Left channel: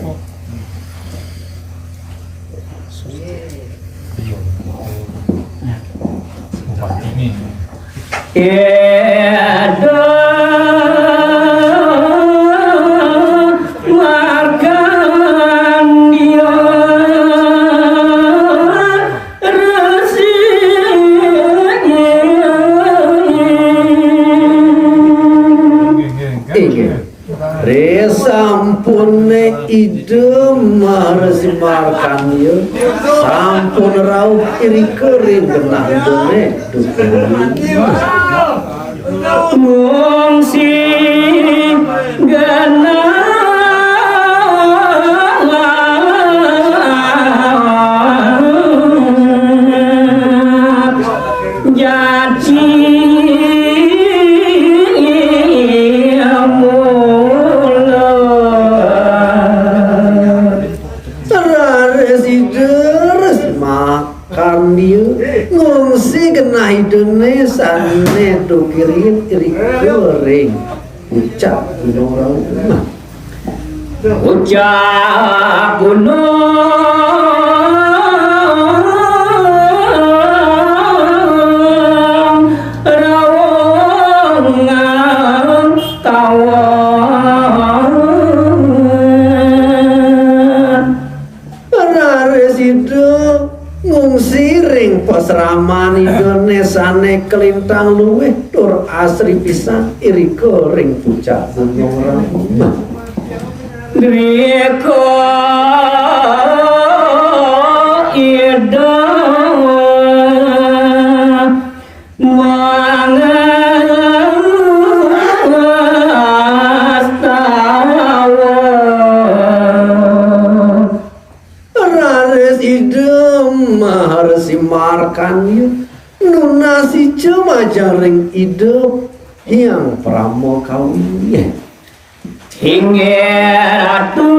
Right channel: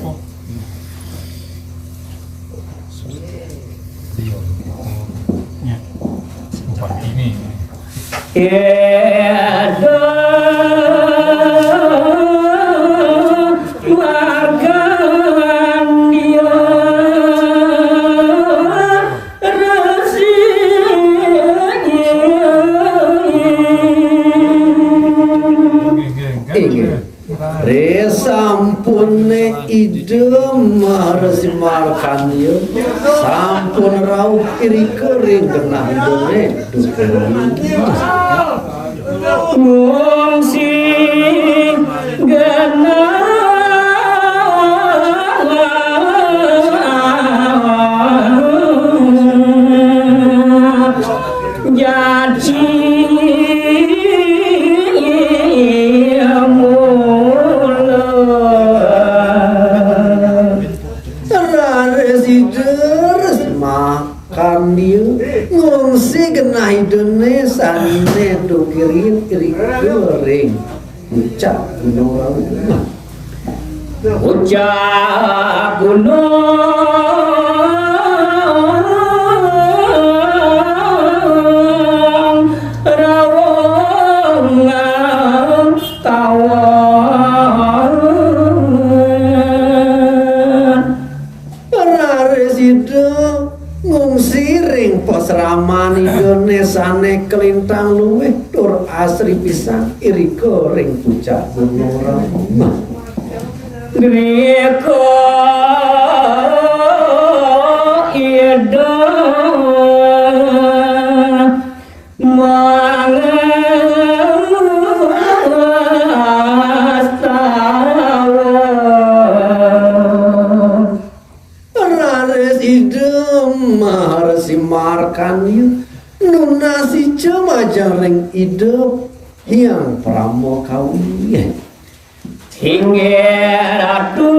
Ini. Sampune idem marasimarkan ye sampun rauh iri kering genah dene mung sing genah Indonesia nedo kirim iri goreng ucap gunung raung ucap gunung raung kawan residen ngungsi ring pasraman Indonesia ne kelintang luweh tur asri pisan iri goreng pucak gunung raung Riko ida markan nunasi cema jaring hidup yang pramo kaunya hingga ratu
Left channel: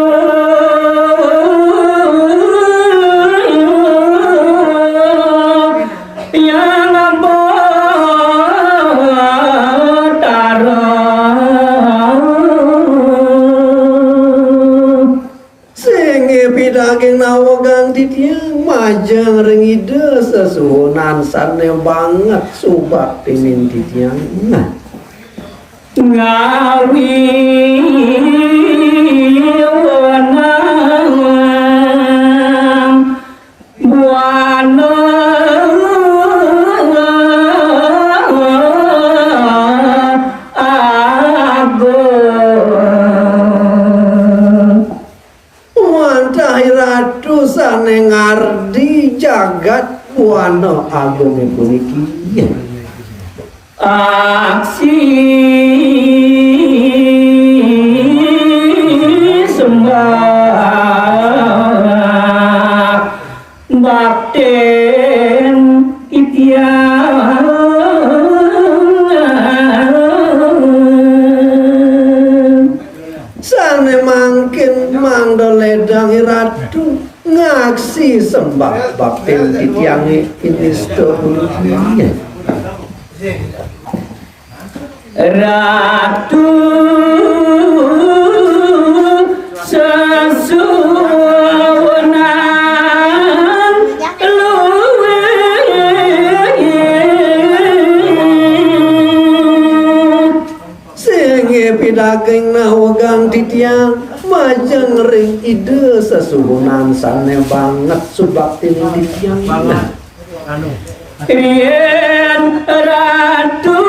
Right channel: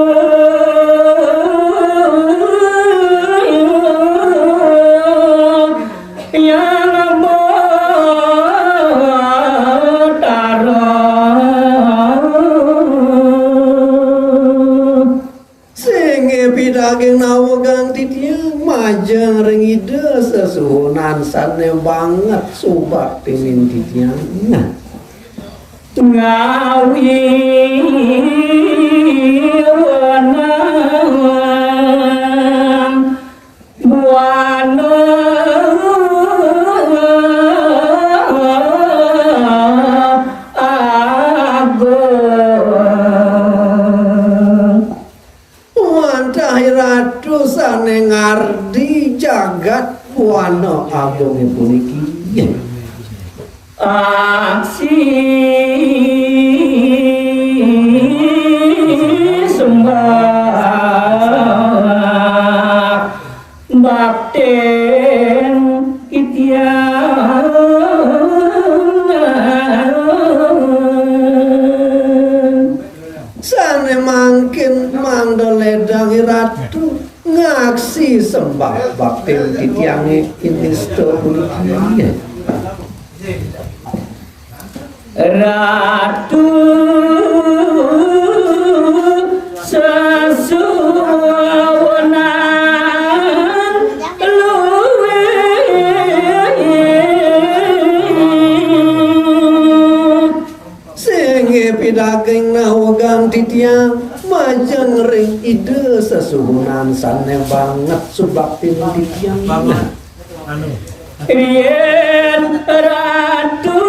yang berdarah senge pidageng nawagang titiang majang ring ide sesuhunan sane banget subak timin titiang ngawi wanang buana ratu sane ngardi jagat buana ageng puniki aksi sembah bakten itian sane mangkin mangdoledang ratu ngaksi sembah bakten titiange ini storia ratu sesuwonan luwe senge pidageng nawagang titiang majang ring ide sesuhunan sane banget subaktin titiang yen ratu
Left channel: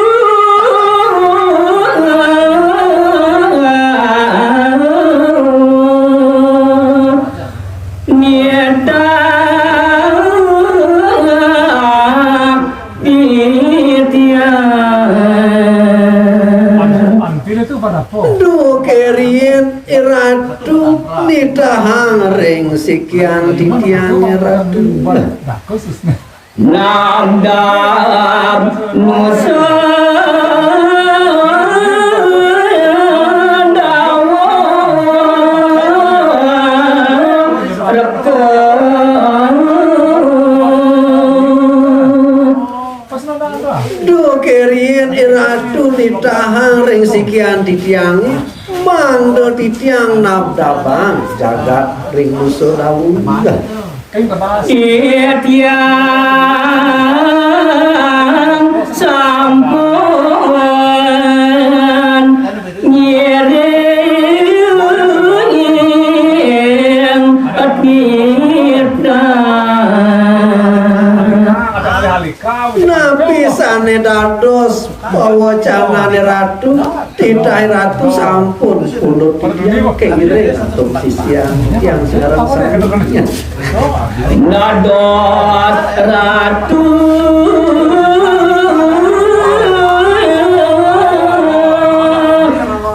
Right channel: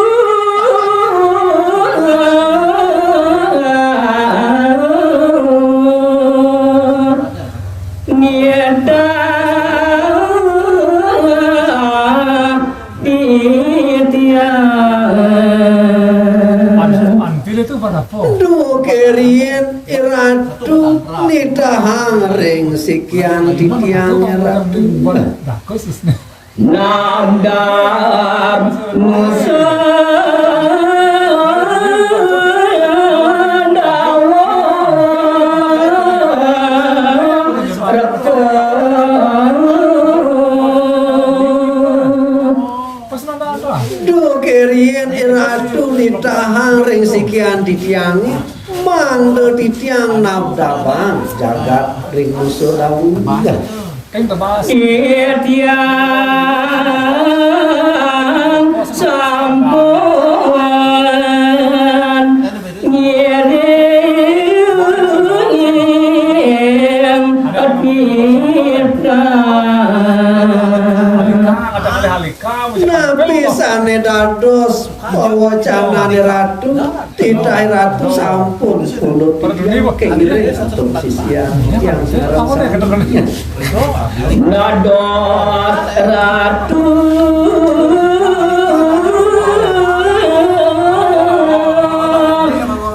ratu nitahang ring sekian titiang ratu nandam musa do kerien ratu nitahang ring sekian titiang mangdo titiang nabdabang jagat ring musuh dawuh Tiang sampun ngiring napi sane dados bawa canane ratu titah ratu sampun pulut titiang kengire atur titiang yang sekarang sananya Nadot ratu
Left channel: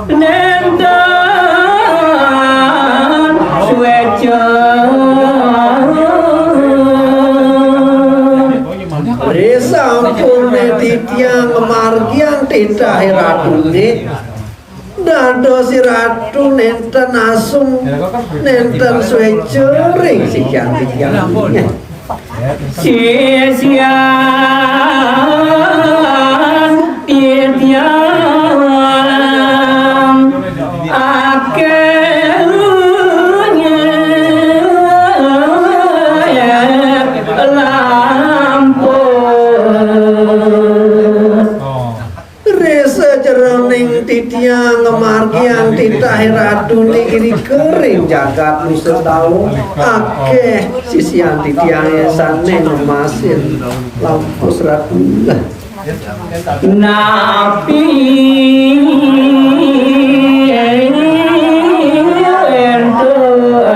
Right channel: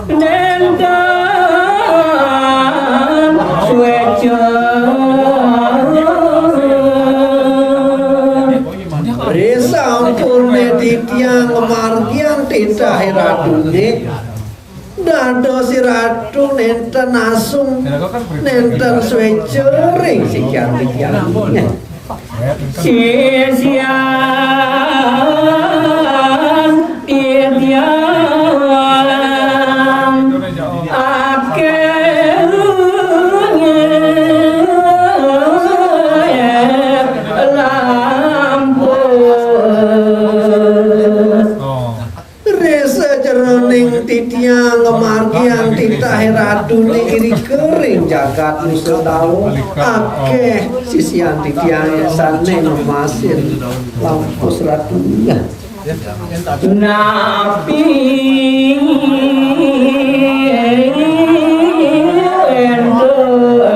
nendan suwejo resampune titiang margian titah ratune dados si ratu nenten asung nenten suwejo ring sikian titiangnya sisian titiang akhirnya resa jeroning titiang margian titah ratune iri kering jagat musuh dawu akeh sisian titiang sane ngemasin lampus ratu napi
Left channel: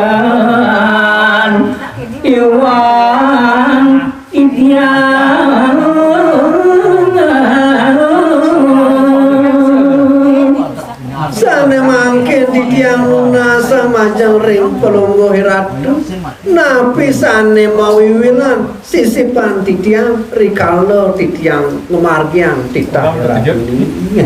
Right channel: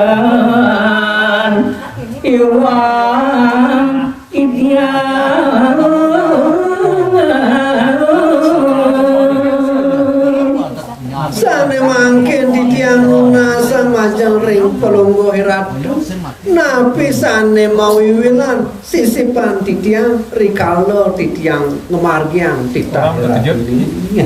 enduan iwan idian sane mangkin titiang nasa majang ring pelungguh ratu napi sane mawiwilan sisipan titiang rikalo titiang ngemargian titah ratu ini